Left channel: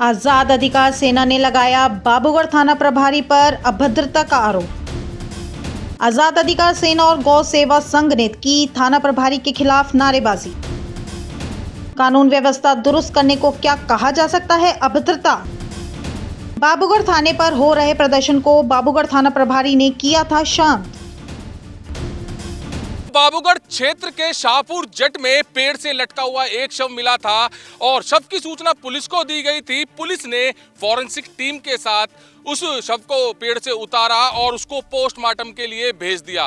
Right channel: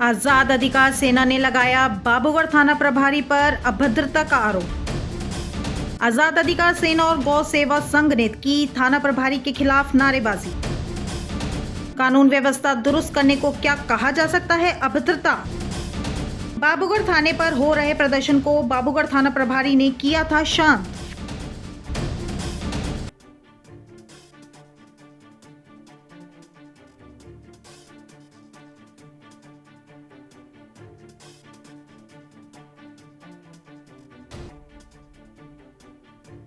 आजाद अधिकार सेना ने लगाया बाबूगढ़ थाना प्रभारी पर अभद्रता का आरोप। आजाद अधिकार सेना और गौ सेवा संघ ने की थाना प्रभारी के खिलाफ नारेबाजी। कानून व्यवस्था दुरुस्त करने को क्या कहा जा सकता है अभद्रता। बाबूगढ़ थाने पर हो रहे प्रदर्शन को बाबूगढ़ थाना प्रभारी ने किया था शांत। बाबूगढ़ क्षेत्र के शाहपुर जट में पेड़ से लटका हुआ एक शव मिला था और शव की सूचना पुलिस को दी गई थी। पुलिस ने फॉरेंसिक टीम के साथ उस शव को पेड़ से उतारा और उसको पोस्टमार्टम के लिए भेज दिया।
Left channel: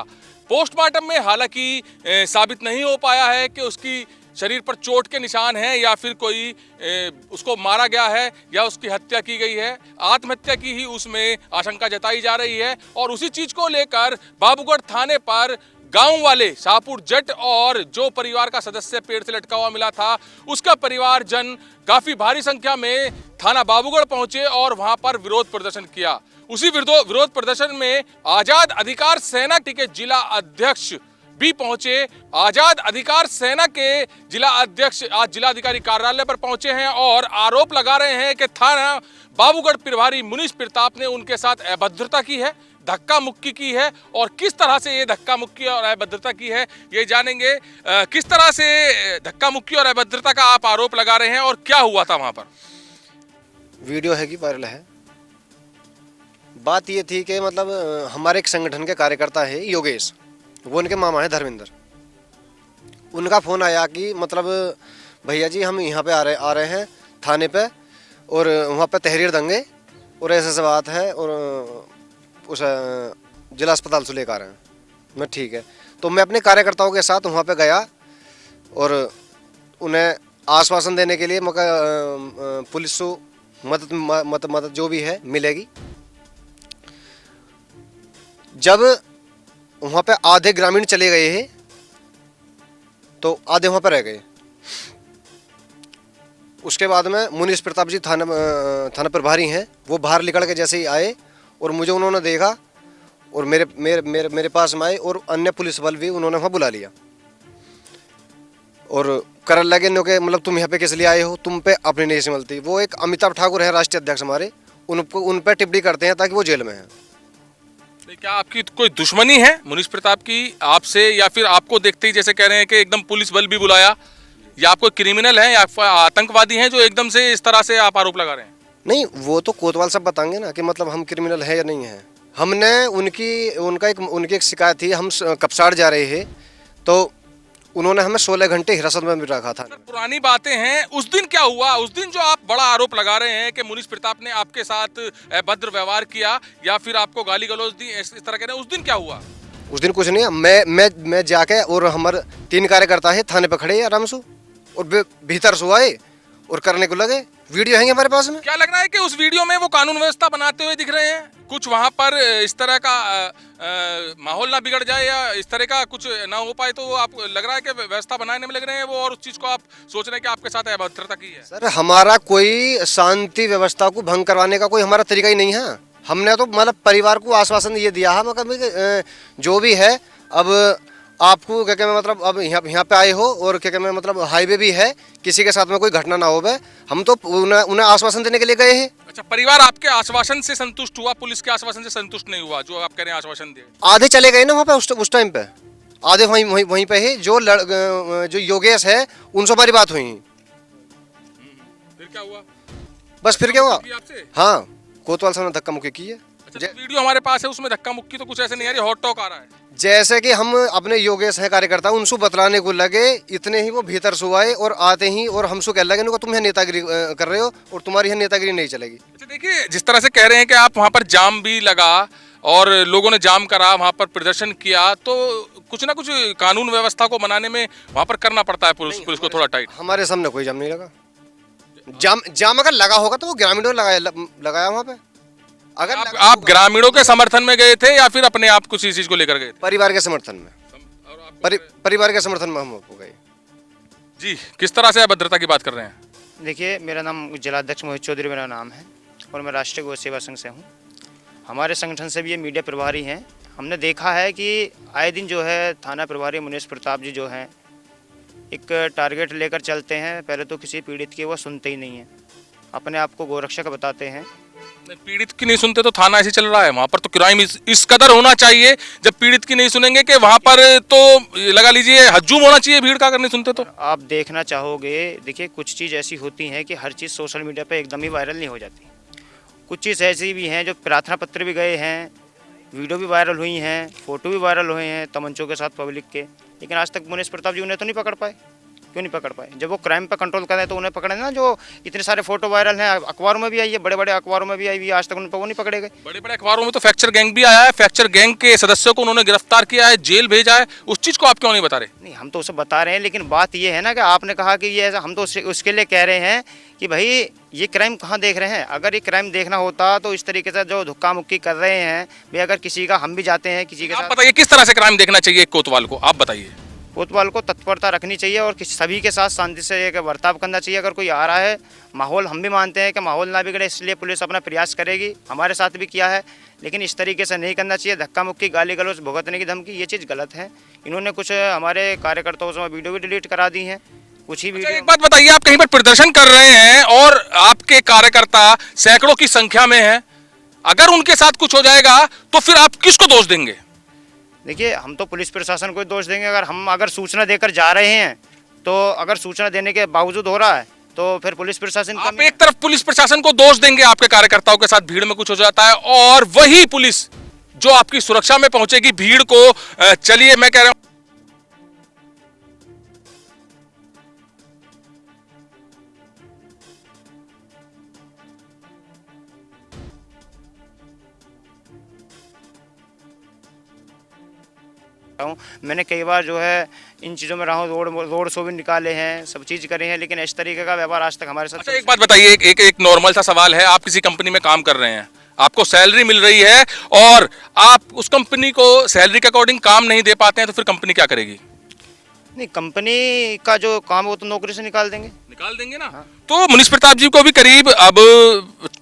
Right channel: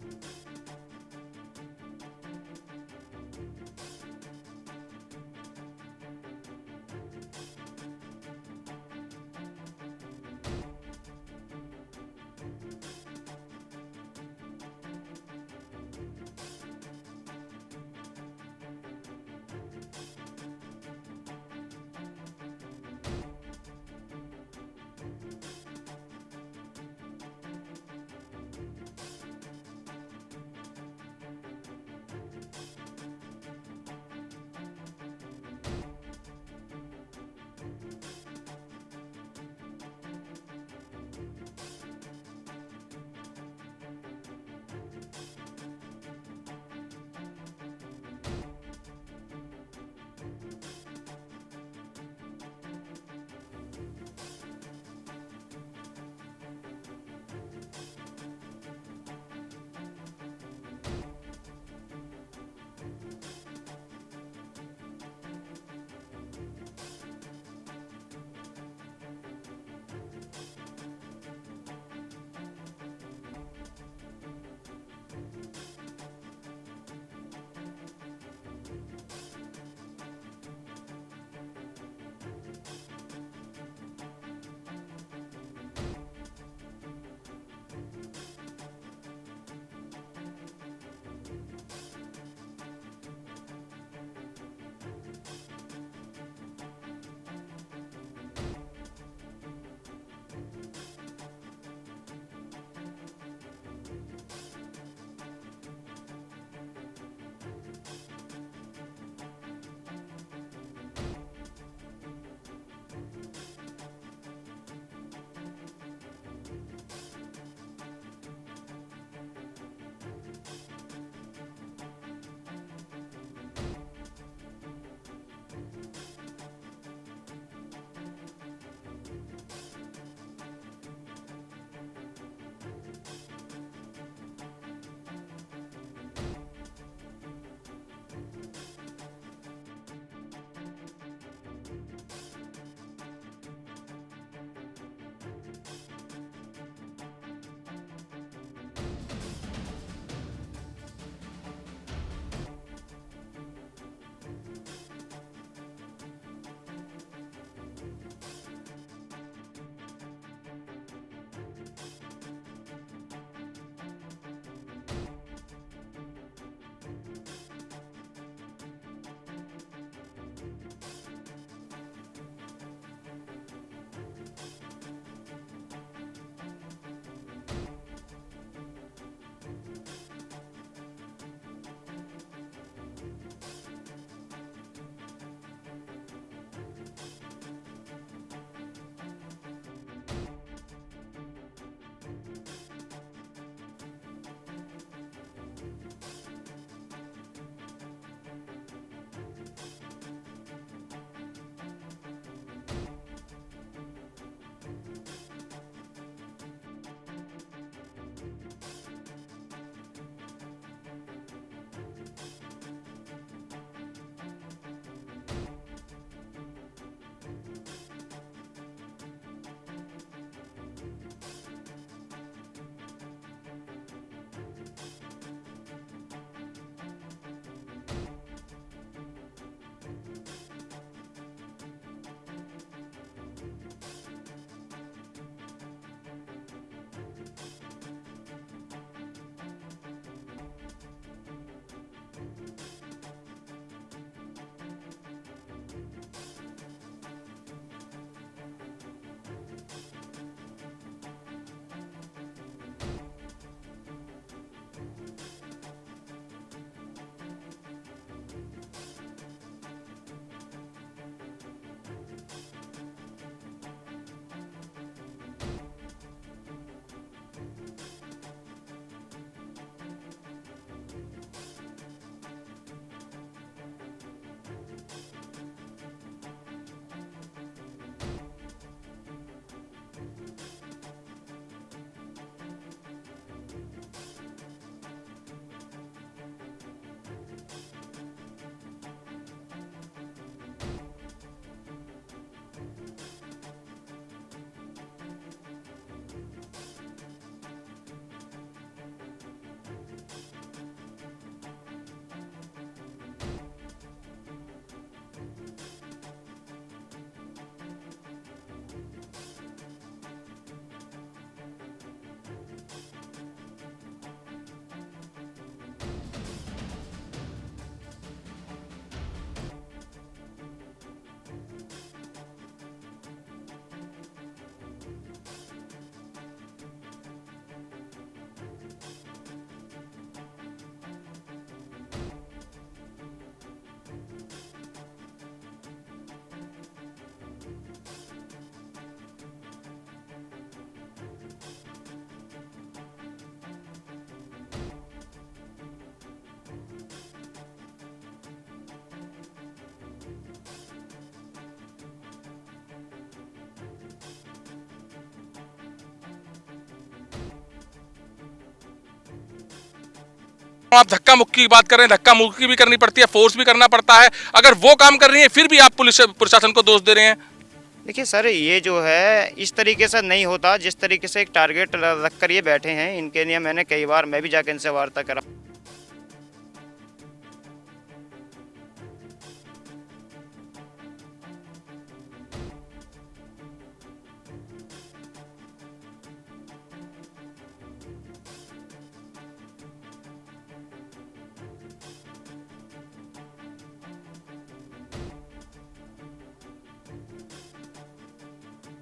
पोस्टमार्टम में हालांकि साबित नहीं हो पाया है कि उसकी शरीर पर चोट के निशान हैं या फिर कोई उसको मारा गया है या उसकी हत्या की गई है। आत्महत्या की ही उसमें आशंका जताई जा रही है और उसी चीज को लेकर बाबूगढ़ थाने पर गांव वाले शाहपुर जट और जो परिवार का सदस्य पेड़ से लटका हुआ मिला था उसका परिवारजन काफी भारी संख्या में थाना बाबूगढ़ पहुंचे और वहां पर विरोध प्रदर्शन किया। उसी विरोध प्रदर्शन में आजाद अधिकार सेना के जिला अध्यक्ष भी पहुंचे। आजाद अधिकार सेना के जिला अध्यक्ष आज जिलाधिकारी कार्यालय पर पहुंचे हैं और आरोप लगा रहे हैं कि थाना बाबूगढ़ प्रभारी मुनीश प्रताप ने उनके साथ अभद्रता की है, धक्का मुक्की की है और किस तरह से ये धक्का मुक्की और अभद्रता की है ये जानेंगे। किस तरह से धक्का मुक्की और अभद्रता का आप आरोप लगा रहे हैं और क्या हुआ था वहां पर? वीडियो है कि वायरल है। बात ये थी कि मतलब हमारे एक संगठन के कार्यकर्ता है योगेश, वो उनके मामा है धर्मेंद्र। उनका फोन आया कि मतलब भैया जी हम यहाँ पे आ रहे हैं थाने पे और वहाँ पे तहरीर देंगे और ऐसे बात है और उस जिला अस्पताल से लेकर आ रहे हैं। मैं ठीक है, तो मैं अपने कार्यकर्ताओं के साथ वहाँ पे गया और उन्हें आश्वासन देने के लिए मगर पुलिस को मदद जो भी है मिलेगी। जब वहाँ पे आधे ग्रामीण चले गए हैं तो आधे वहाँ पे रह गए। उसके बाद में मुनीश प्रताप जी थाना प्रभारी हैं, वो बाहर निकल के जैसे ही आए और मुझे उन्होंने देखा और मेरे पास में आए और अन्य पुलिस बल भी उन्होंने वहाँ बुला लिया और करने लगे नो के मतलब तुम यहाँ पे किस लिए आए हो, तुम पे अपनी नहीं संभलती। वो एक अमिताभ ठाकुर है राष्ट्रीय अध्यक्ष हमारे, उन पे टिप्पणी करते हैं ताकि वो जेल में है। क्या आपकी कोई दुश्मनी है मुनीश प्रताप की आपसे या फिर आपको देखते ही जैसे कह रहे हैं कि एकदम पुलिस बल भी बुलाया, या आप कोई क्रिमिनल हैं या आतंकवादी हैं जो एकदम से इस तरह से आप आरोप लगा रहे हैं? नहीं, वो तो कोतवाल सब बताएंगे ना कि मतलब हम क्रिमिनल है या नहीं है। हमने उनकी एक शिकायत थी, हम कपसाड़ जा रहे हैं तो उन्होंने हमें 16 घंटे हिरासत में भी रखा था। पुरानी बातें हैं, उस दिन क्या हुआ? उस दिन जो आप बड़ा आरोप लगा रहे हैं कि मुनीश प्रताप ने आपके साथ अभद्र व्यवहार किया या फिर आपको गाली गलौज दी, इस तरह के, उस दिन क्या हुआ? उस दिन कुछ नहीं, मैं जाके और हमारे 3 कार्यकर्ता है थाने पे खड़े आराम से और भीतर से आए और करने को लगे। वीडियो है हमारे पास में। क्या लग रहा है कि उस वीडियो में वो कानून व्यवस्था बनाते हुए दिख रहे हैं? कुछ वहां पर इस तरह का माहौल ना बिगड़ जाए या इस तरह का कुछ ना हो पाए, तो आप लग रहा है कि व्यवस्था बनाने में लग रहे हैं वो और उस चीज को आप सोच रहे हैं कि आपके साथ अभद्रता की है? सर, हमारा कोई शांति व्यवस्था को भंग करवाने का कोई हमारा तरीका ही नहीं है। हमने तो मतलब परिवार को आश्वासन ये दिया है मतलब जो भी है अब आपको क्या मैं मतलब अब यहाँ पे आए हो और क्या मैं मतलब हाईवे भी है, किसी के साथ में कोई घटना ना हो। हम तो उन्हें आश्वासन देने के लिए गए हैं। अच्छा, परिवार आपके आश्वासन से संतुष्ट हुआ, पुलिस के आश्वासन से संतुष्ट नहीं हुआ जो आप कह रहे हैं आश्वासन दिए? आधे चले गए ना वहाँ पे उस टाइम पे, आधे वहीं पे है। जो योगेश है उनसे हमारी बात हुई। फिर क्या हुआ? बस फिर क्या हुआ? हाँ, कोतवाल साहब ने धक्का मुक्की की है। अच्छा, वीडियो हमारे पास है, उसमें धक्का मुक्की तो कुछ ऐसे नहीं आ रही, हॉट टॉक आ रहा है। जैसे कि हम अपने योगेश है कार्यकर्ता उनसे बतलाने को लगे, इतने ही वो भीतर से आए और आते ही और हमसे कह लगे तुम यहाँ नेतागिरी कर रहे हो और तुम्हारी यहाँ नेतागिरी नहीं चलेगी। अच्छा, देखिए जिस तरह से कह रहे हैं कि आप वहाँ पर जाम भी लगा और लोगों ने जाम करा, वहाँ पर प्रदर्शन किया, तो कुछ ना कुछ कानून व्यवस्था को बनाने में वहाँ पर करना पड़ता है पुलिस को थोड़ा टाइट। हमारे सामने कोई जाम नहीं लगा। जाम अगर लगा होगा तो वो ग्रामीणों ने लगाया वहाँ पे। अगर आप ग्रामीणों के समर्थन में गए थे या फिर अपने आप कुछ इस चीज को लेकर गए थे? परिवार के समर्थन में। परिवार के समर्थन में हम हो गए। जी, किस तरह से अभद्रता की बात कर रहे हैं? देखिए, मेरा नाम जिलाध्यक्ष मोहित चौधरी मेरा नाम है और मैं राष्ट्रीय गौ सेवा संघ से हूँ। हमारे संगठन से भी ये मीडिया प्रभारी हैं। हमने देखा है कि आए दिन जो है थाना प्रभारी मुनीश प्रताप जी जो हैं एक टारगेट लेकर चलते हैं। पहले तो किसी पीड़ित की वो सुनते ही नहीं है अपने आप को गोरक्षक बताते हैं। पीड़ित की नहीं सुनते तो थाना ऐसे चल रहा है, वहां पर तो क्राइम इस कदर होना चाहिए। जब पीड़ित की नहीं सुनेंगे कि वहां पर तो लगा लीजिए हजूम होना चाहिए भीड़ का, अगर नहीं सुनते तो। आप देखना चाहोगे, देखिए कुछ चीज़ ऐसी होती हैं कि हर चीज़ सोशल मीडिया पे एकदम ही वायरल नहीं हो जाती। कुछ चीज़ ऐसी भी हैं जो प्रार्थना पत्र भी गए हैं, वीडियो भी वायरल हुई हैं, फोटो भी वायरल हुए हैं तमंचों के साथ पब्लिक के, लेकिन आज तक मुनीश प्रताप जी उन्हें तो नहीं पकड़ पाए। क्यों नहीं पकड़ पाए? जब वो क्राइम पे कंट्रोल कर रहे हैं तो उन्हें पकड़े ना। जो इतने सारे फोटो वायरल हैं, अखबारों में भी आई है, बड़े बड़े अखबारों में भी आई हुई, आज तक उन पर वो नहीं पकड़े गए। बड़े बड़े अखबारों में तो फ्रैक्चर गैंग भी आया है, फ्रैक्चर गैंग के सदस्यों को उन्होंने गिरफ्तार किया है, जेल भेजा है। उस चीज को आप क्यों नहीं बता रहे? नहीं, हम तो उसे बता रहे हैं, लेकिन बात ये है ना कि आपने कहा कि ये ऐसा, हम तो उसके लिए कह रहे हैं कि भाई ये क्राइम कहाँ देख रहे हैं। अगर ये क्राइम देखना होता तो इस तरीके से जो धक्का मुक्की कर रहे हैं भाई, अगर किसी का हम भी जाते हैं किसी के आप साथ, बताइए किस तरह से क्राइम देखना चाहिए एक कोतवाल को, आप बताइए। कोतवाल को तत्परता रखनी चाहिए और सभी के साथ शांति से एक बर्ताव करना चाहिए। अगर कोई आ रहा है, माहौल हम भी मानते हैं कि माहौल ना बिगड़े, इसलिए पुलिस अपना प्रयास करेगी, हमारे साथ भी किया है, लेकिन इस तरीके से नहीं करना चाहिए। धक्का मुक्की, गाली गलौज, भुगतने की धमकी, ये चीज़ गलत है। इन्होंने कुछ हमारे कार्यकर्ताओं से वीडियो भी डिलीट करा दी हैं, कुछ ही अच्छा, वीडियो। एक बात बताइए, आप कहीं पर प्रदर्शन कर रहे हैं और आपके कार्यकर्ता सैकड़ों की संख्या में हैं, अगर उनके साथ कुछ हो जाएगा तो फिर आप किसको दोष देंगे? देखिए, हम तो पुलिस प्रशासन को दोष देंगे। अगर सूचना देकर जा रहे हैं तो अगर सूचना देने के बावजूद हो रहा है तो फिर पुलिस प्रशासन आप एक तरफ पुलिस प्रशासन को दोष देंगे, आपके कार्यकर्ताओं के साथ भीड़ में कुछ हो जाता है, और वही पुलिस जो आपकी सुरक्षा में पहुंचेगी भीड़ को, चलिए मैं कह रहा हूं, आप धक्का मुक्की की बात कर रहे हैं, धक्का मुक्की भी करनी पड़ती है, फोर्स भी करना पड़ता है, अगर वो काम कर रही है फिर भी आप पुलिस प्रशासन को दोष दे रहे हैं। देखिए सर, ये जो है इस तरीके से नहीं होता। जिस तरीके से एक टारगेट रख कर ये बैठे हैं, इनके लिए मैंने कई बार, मैं भी जाकर इनसे वार्ता करा हूँ, मैंने कई बार जो है इन चीज़ों में रहा हूँ, रोड शो भी निकाले हैं, सब चीज़ करे हैं, लेकिन इस तरीके का व्यवहार आज तक हमारे साथ। अच्छा, एक बात बताइए, एक नॉर्मल सा सवाल है, आप किसी कंपनी में काम कर रहे हैं, आपको सैलरी मिल रही है और आप उस कंपनी को सैलरी के अकॉर्डिंग काम नहीं दे पाते हैं, तो फिर कंपनी क्या करेगी? नहीं, कंपनी का जो काम है वो तो नौकरी से निकाल देंगे ना। तो मुनीश प्रताप जी को भी करीब अब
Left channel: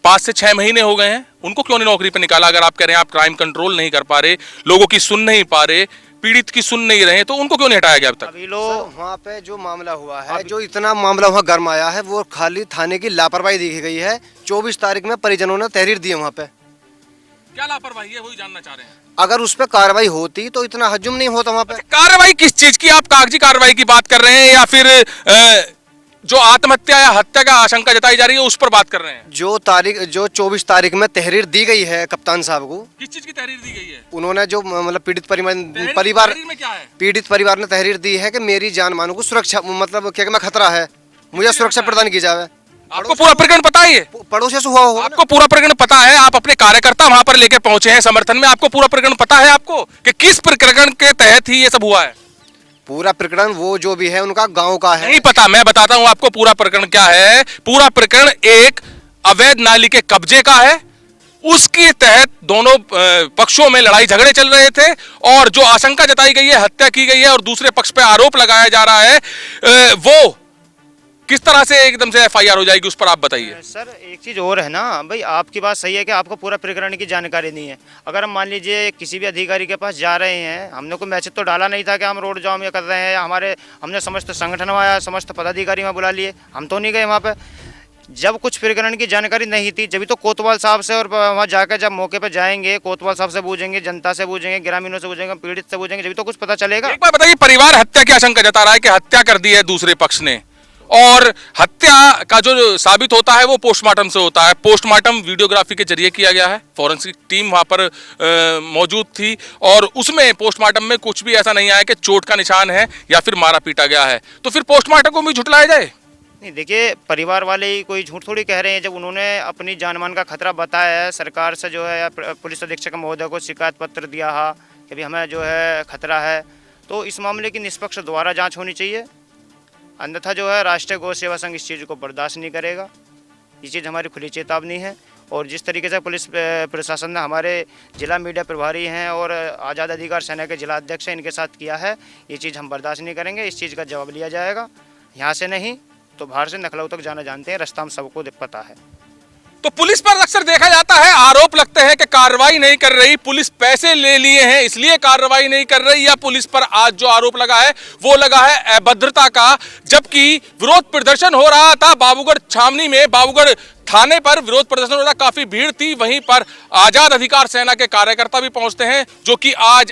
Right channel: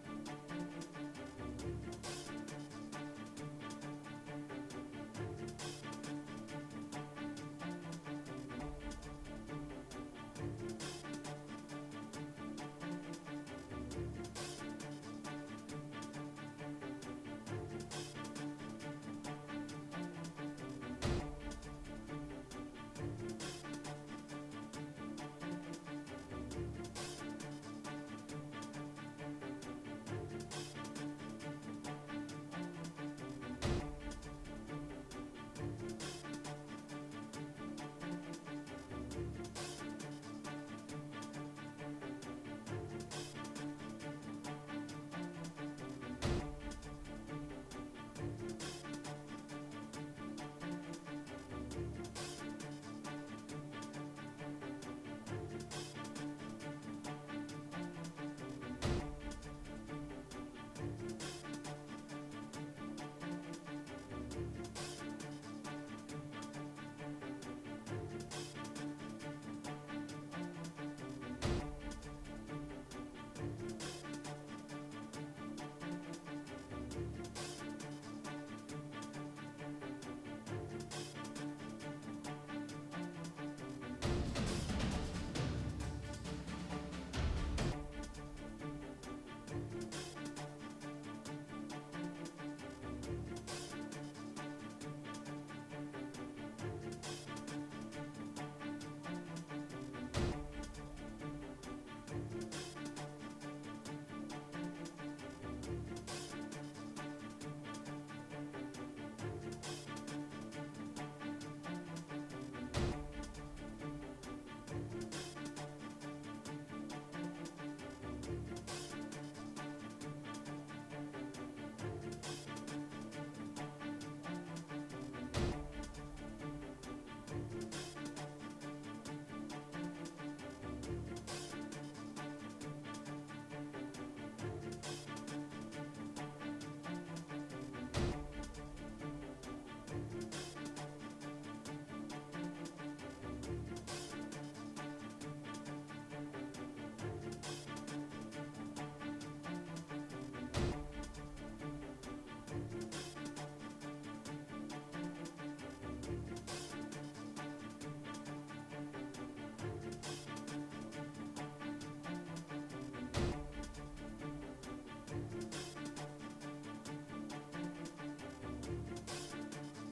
5 से 6 महीने हो गए हैं, उनको क्यों नहीं नौकरी पे निकाला? अगर आप कह रहे हैं आप क्राइम कंट्रोल नहीं कर पा रहे, लोगों की सुन नहीं पा रहे, पीड़ित की सुन नहीं रहे, तो उनको क्यों नहीं हटाया गया अब तक? अभी लोग वहाँ पे जो मामला हुआ है, जो इतना मामला वहाँ गर्म आया है, वो खाली थाने की लापरवाही देखी गई है। 24 तारीख में परिजनों ने तहरीर दी है वहाँ पे। क्या लापरवाही है, वही जानना चाह रहे हैं। अगर उस पर कार्रवाई होती तो इतना हजम नहीं होता वहाँ पे। कार्रवाई किस चीज की? आप कागजी कार्रवाई की बात कर रहे हैं या फिर जो आत्महत्या या हत्या का आशंका जताई जा रही है उस पर बात कर रहे हैं? जो 24 तारीख में तहरीर दी गई है कप्तान साहब को। किस चीज की तहरीर दी गई है? उन्होंने जो मतलब पीड़ित परिवार में क्या है? पीड़ित परिवार ने तहरीर दी है कि मेरी जान माल को सुरक्षा, मतलब क्या मैं खतरा है, मुझे सुरक्षा प्रदान की जाए। आपको पूरा प्रकरण पता है? ये पड़ोसी से हुआ हो, आपको पूरा प्रकरण पता है? आप अपने कार्यकर्ता वहां पर लेके पहुंचे हैं समर्थन में, आपको पूरा प्रकरण पता है आपको कि किस प्रकरण के तहत ही ये सब हुआ है? पूरा प्रकरण वो जो भी है उनका गांव का है। नहीं पता, मैं बताता हूं आपको पूरा प्रकरण क्या है। पूरा प्रकरण एक अवैध नाली के कब्जे का है, उसके तहत दोनों पक्षों में लड़ाई झगड़े चल रहे थे और जो आशंका जताई गई है, हत्या की गई है और दूसरे पक्ष पे आरोप लगाया जा रहा है, वो किस तरह से एकदम से FIR हो जाएगी, उस पर आप बताइए। सर, एक चीज़ और है ना भाई, आपकी बात सही है कि आपको पूरा प्रकरण की जानकारी नहीं है। अगर हम मान लीजिए किसी भी अधिकारी के पास जा रहे हैं, हमने कोई मैसेज तो डाला नहीं था कि हम रोड जाम ये कर रहे हैं, हमने समस्त संगठन आया, समस्त पदाधिकारी वहाँ बुला लिए, हम तो नहीं गए वहाँ पे। जब कुछ प्रकरण की जानकारी नहीं थी, जब तो कोतवाल साहब से, और वहाँ जाकर जब मौके पर जाएंगे, कोतवाल साहब से पूछेंगे, जनता से पूछेंगे, ग्रामीणों से पूछेंगे, पीड़ित से पूछेंगे, जब तो कुछ पता चलेगा। एक बार बताइए, परिवार हत्या की आशंका जता रहा है कि हत्या कर दी है दूसरे पक्ष ने, और हत्या का जो साबित होता है वो पोस्टमार्टम से होता है। पोस्टमार्टम वीडियोग्राफी के जरिए किया गया है, फॉरेंसिक टीम वहां पर मौजूद थी और उसमें पोस्टमार्टम में कुछ भी ऐसा नहीं आया कि चोट का निशान है या फिर मारा पीटा गया है, तो फिर पोस्टमार्टम को भी झुठलाया जाए? नहीं, देखिए, परिवार वाले ही कोई झूठ थोड़ी कह रहे हैं। जब उन्होंने अपनी जानमान का खतरा बताया है, सरकार से जो है पुलिस अधीक्षक महोदय को शिकायत पत्र दिया है कि भी हमें जो है खतरा है, तो इस मामले की निष्पक्ष दोबारा जांच होनी चाहिए। अन्यथा जो है राष्ट्रीय गौ सेवा संघ इस चीज़ को बर्दाश्त नहीं करेगा। ये चीज़ हमारी खुली चेतावनी है। और जिस तरीके से पुलिस प्रशासन ने हमारे जिला मीडिया प्रभारी हैं और आज़ाद अधिकार सेना के जिला अध्यक्ष हैं, इनके साथ किया है, ये चीज़ हम बर्दाश्त नहीं करेंगे। इस चीज़ का जवाब लिया जाएगा, यहाँ से नहीं तो बाहर से नखलऊ तक जाना जानते हैं, रास्ता हम सबको पता है। तो पुलिस पर अक्सर देखा जाता है, आरोप लगते हैं कि कार्रवाई नहीं कर रही, पुलिस पैसे ले लिए हैं इसलिए कार्रवाई नहीं कर रही, या पुलिस पर आज जो आरोप लगा है वो लगा है अभद्रता का। जबकि विरोध प्रदर्शन हो रहा था बाबूगढ़ छावनी में, बाबूगढ़ थाने पर विरोध प्रदर्शन हो रहा, काफी भीड़ थी। वहीं पर आजाद अधिकार सेना के कार्यकर्ता भी पहुंचते हैं, जो कि आज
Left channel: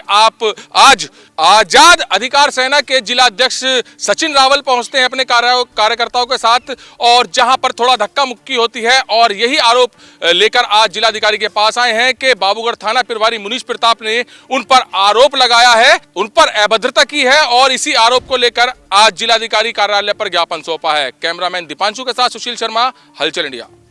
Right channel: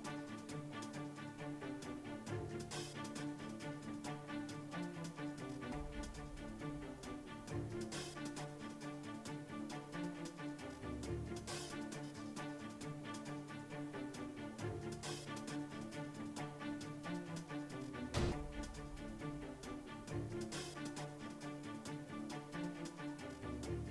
आजाद अधिकार सेना के जिला अध्यक्ष सचिन रावल पहुंचते हैं अपने कार्यकर्ताओं के साथ, और जहां पर थोड़ा धक्का मुक्की होती है और यही आरोप लेकर आज जिलाधिकारी के पास आए हैं कि बाबूगढ़ थाना प्रभारी मुनीश प्रताप ने उन पर आरोप लगाया है, उन पर अभद्रता की है, और इसी आरोप को लेकर आज जिलाधिकारी कार्यालय पर ज्ञापन सौंपा है। कैमरामैन दीपांशु के साथ सुशील शर्मा, हलचल इंडिया।